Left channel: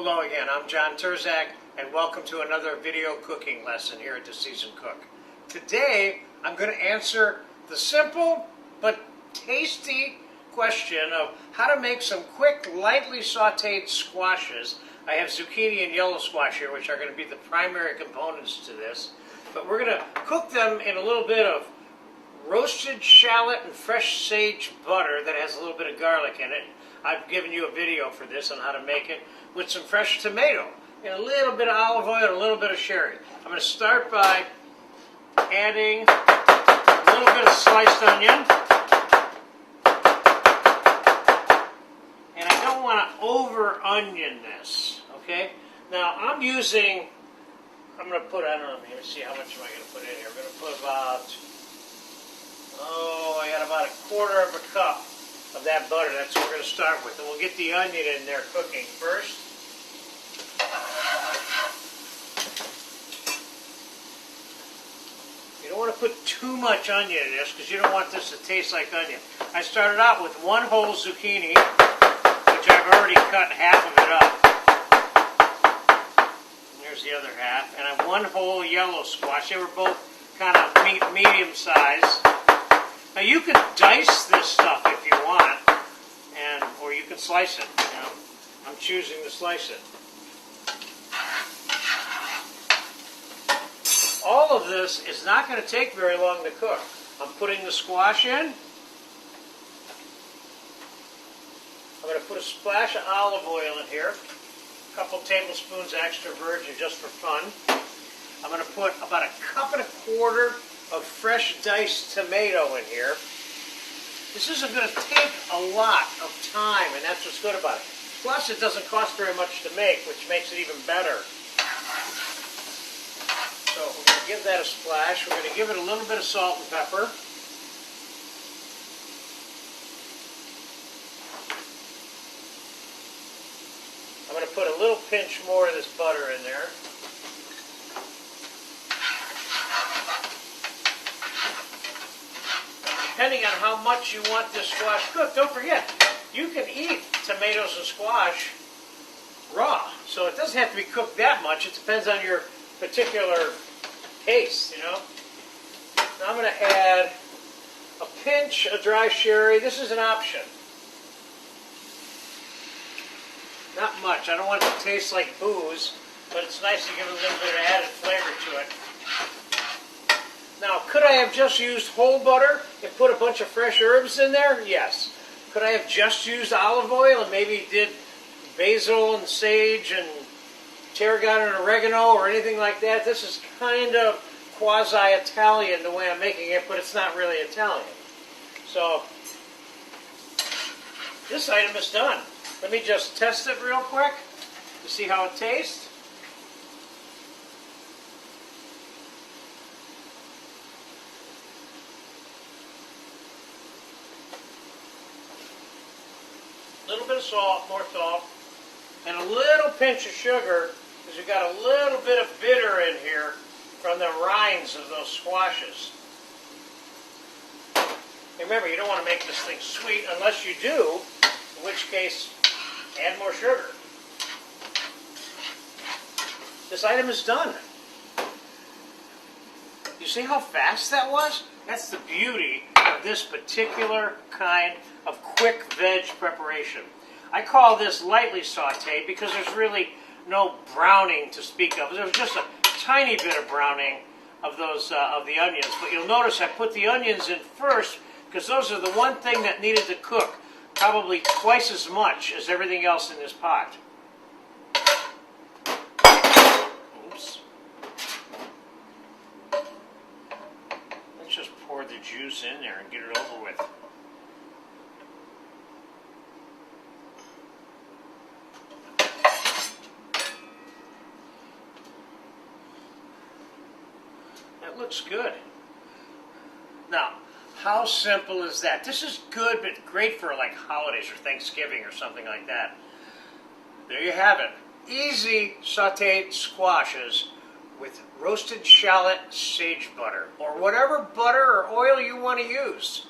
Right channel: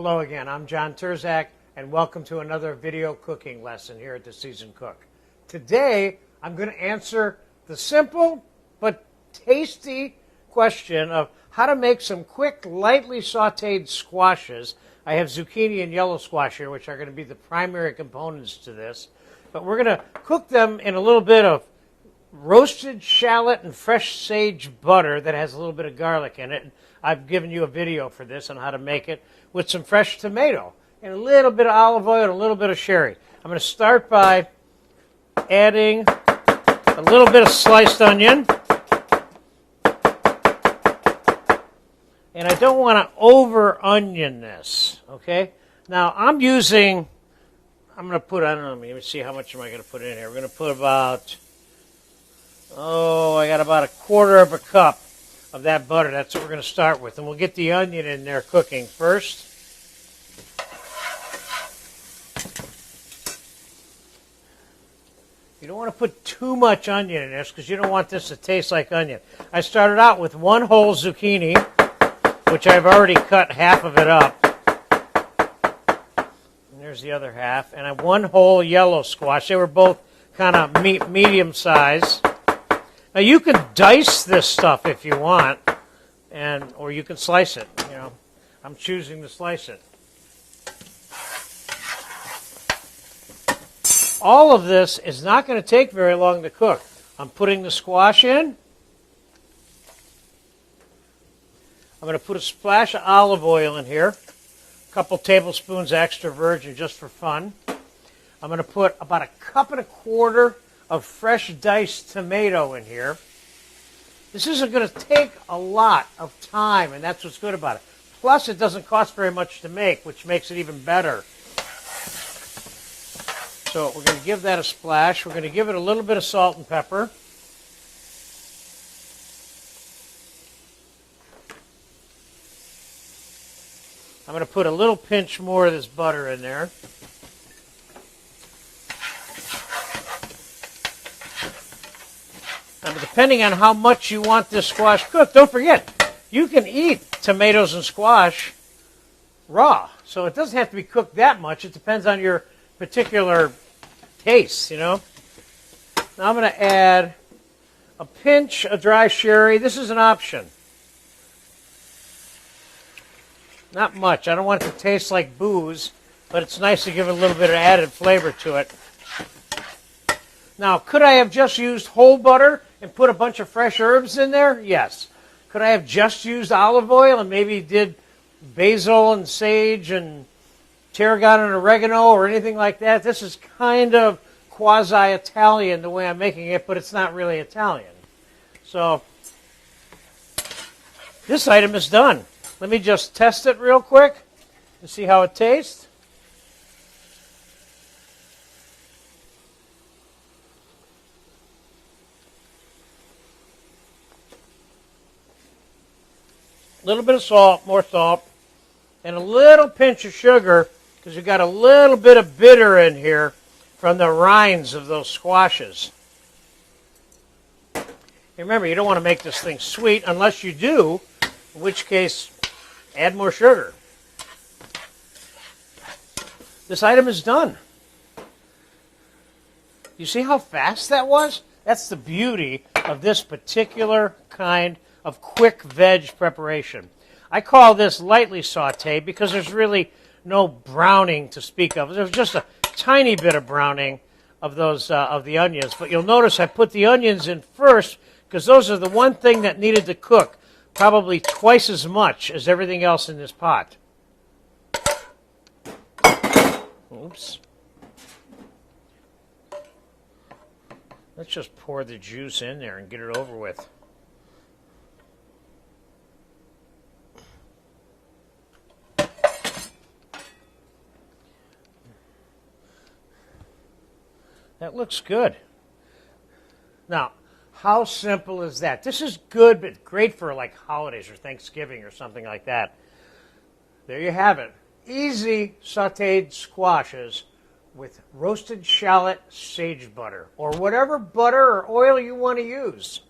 Hello again, I'm John Terzak, and welcome to another video cooking lesson here at The Seasoned Cook. Today, I'm going to answer the simple but tasty question of how to make some quick, lightly sauteed squashes. I have zucchini and yellow squash here, which are going to be the primary components to this. But we're going to cook them in a little bit of roasted shallot and fresh sage butter that has a little bit of garlic in it. I've given you a video for this on how to make it with some fresh tomato and a little bit of olive oil and a little bit of sherry. I'm going to start by adding a little bit of sliced onion. And I don't want to over onion this, okay? Now I'm going to put, I don't know, let me see how much am I going to put in here. We're going to put about, I got about 1/4 cup of that butter. That's what we're going to start with. And we'll get the onion in there cooking first. You don't want to put too much onion in this because you don't want this to taste like onion. I started out with one whole zucchini, which I've already cut half of it up. And there's the other half. And I one whole yellow squash. They were both kind of medium size. Now you can dice this stuff if you want, or you can slice it. You know, I'm choosing to slice it. All of this is not going to take very long to cook. I'm putting the squash in. I'm going to put a splash of olive oil in here, a couple tablespoons extra virgin just for fun. I'm going to put about 1.25 cups of fresh diced tomato in here. This isn't going to take a lot of time, and that's what's good about it. Plus, it doesn't cost very much to make, which makes it even better. So we're going to give that a splash. We're going to give it a little bit of salt and pepper. I'm going to put a little pinch more of this butter in there. Depending on how much you want this squash cooked, don't forget, you can eat tomatoes and squash raw. So it doesn't have to be cooked that much. It depends on your particular taste, you know. Now I'm going to add a pinch of dry sherry. This is an option. Not much. I don't want it to taste like booze, but it's nice to give it a little bit of added flavor to it. Now, could I have just used whole butter and put a bunch of fresh herbs in there? Yes. Could I have just used olive oil and maybe did basil and sage and tarragon and oregano or anything like that? This is kind of quasi-Italian the way I'm making it, but it's not really Italian. So, this item is done. Let me just test it real quick to see how it tastes. A little bit of salt, more salt, and a little pinch of sugar because you've got a little bit of bitter in here from the rinds of those squashes. Remember, you don't want to make this thing sweet unless you do, in which case, add more sugar. This item is done. You see how fast that was? That's the beauty of this particular kind of quick veg preparation. I call this lightly sauteed because there's really no browning to speak of. There's just a tiny bit of browning of those of the onions. But you'll notice I put the onions in first because those are the one thing that needed to cook probably twice as much as everything else in this pot. Oops. Let's just pour the juice in there and get it over with. That looks good. Now, how simple is that? This is good, but great for like holidays or Thanksgiving or something like that. There you have it. Easy sauteed squashes with roasted shallot sage butter, or whatever butter or oil you want to use.